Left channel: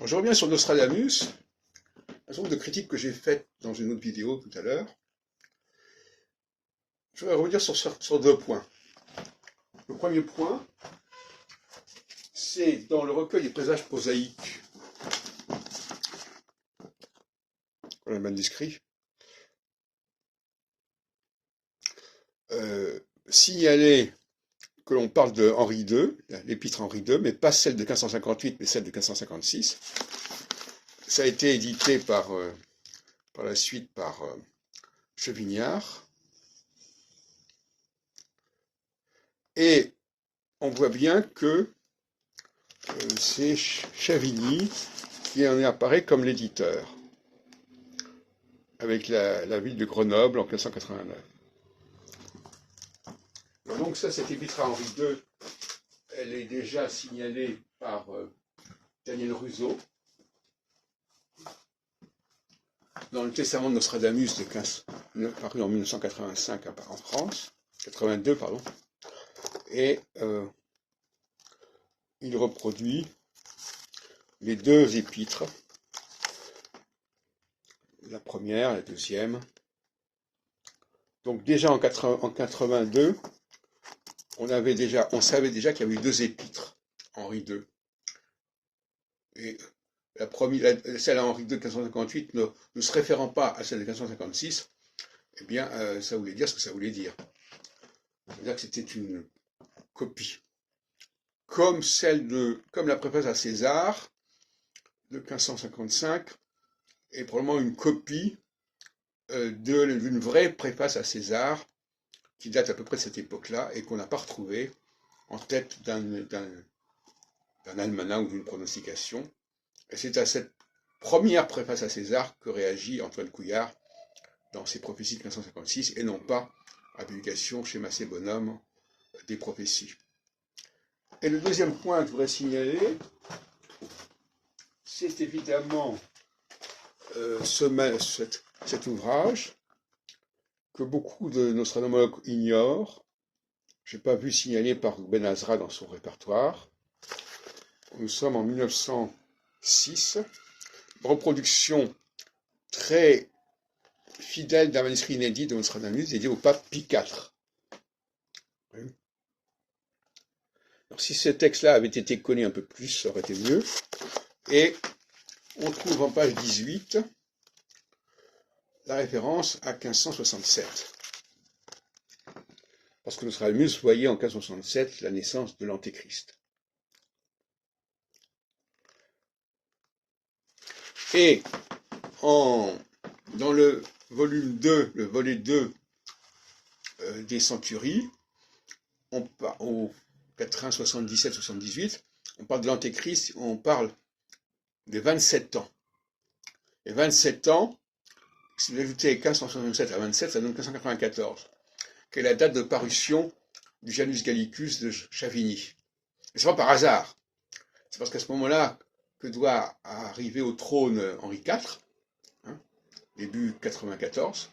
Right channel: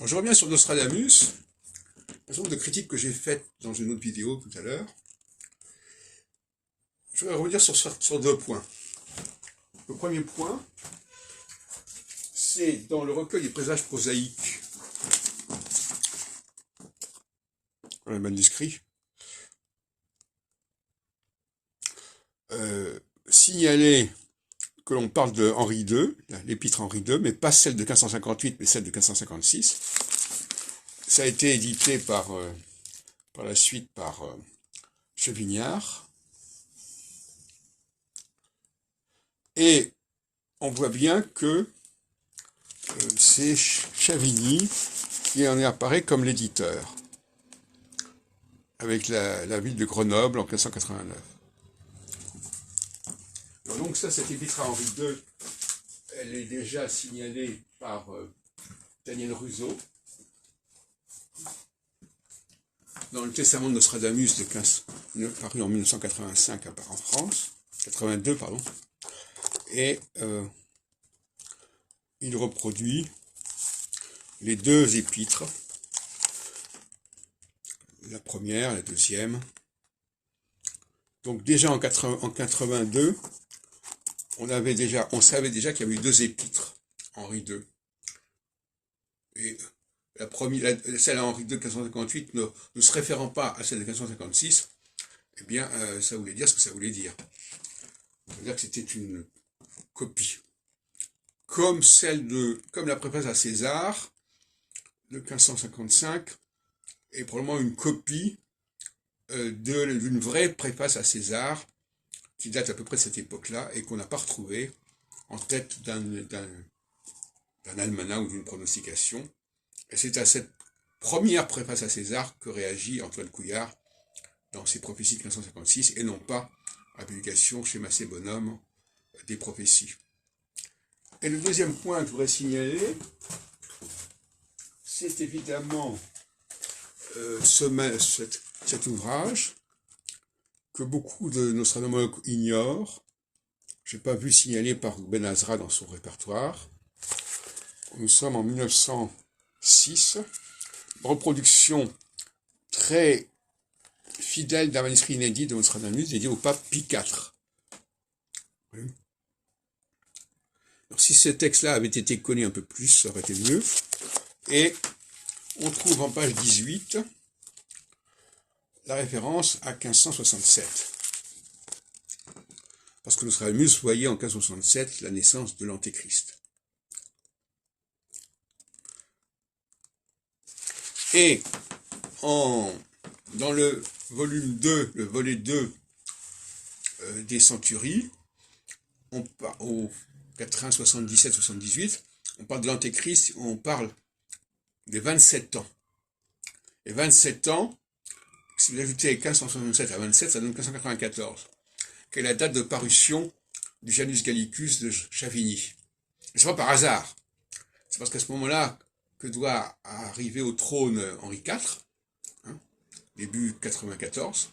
Alors, je reviens sur Nostradamus, un certain nombre de critiques que j'ai faites dans une autre vidéo tout à l'heure. Je vais revenir sur deux points. Le premier point, c'est dans le recueil des présages prosaïques, dans les manuscrits, signaler que l'on parle de Henri II, l'épître Henri II, mais pas celle de 1558, mais celle de 1556. Ça a été édité par la suite par Chevignard. Et on voit bien que c'est Chavigny qui en apparaît comme l'éditeur, avec la ville de Grenoble en 1589. Donc ça, cette épître à Henri II, elle est déjà signalée par Daniel Ruseau dans le Testament de Nostradamus paru en 1985 en France, 82 pardon, et il reproduit les deux épîtres, la première, la deuxième. Donc déjà en 82, on savait déjà qu'il y avait eu deux épîtres, Henri II. Et celle à Henri II de 1558 ne se référant pas à celle de 1556, eh bien, ça voulait dire ce que ça voulait dire. C'est-à-dire que c'était une copie. Comme la préface à César de 1555 est probablement une copie d'une vraie préface à César qui date à peu près de cette époque-là et qu'on n'a pas retrouvée en tête d'un almanach ou d'une pronostication. Et c'est à cette première préface à César que réagit Antoine Couillard dans ses prophéties de 1556 et non pas à la publication chez Massé Bonhomme des prophéties. Et le deuxième point que je voudrais signaler, c'est évidemment cet ouvrage que beaucoup de nostradamologues ignorent. Je n'ai pas vu signaler par Ben Azra dans son répertoire. Nous sommes en 1906, reproduction très fidèle d'un manuscrit inédit de Nostradamus dédié au pape Pie IV. Oui. Alors, si ce texte-là avait été connu un peu plus, ça aurait été mieux. Et on trouve en page 18 la référence à 1567. Parce que Nostradamus voyait en 1567 la naissance de l'Antéchrist. Et dans le volume 2, le volet 2 des Centuries, au 80, 77, 78, on parle de l'Antéchrist, on parle des 27 ans. Et 27 ans, si vous ajoutez 1567 à 27, ça donne 1594, qui est la date de parution du Janus Gallicus de Chavigny. Et c'est pas par hasard. C'est parce qu'à ce moment-là que doit arriver au trône Henri IV, début 94,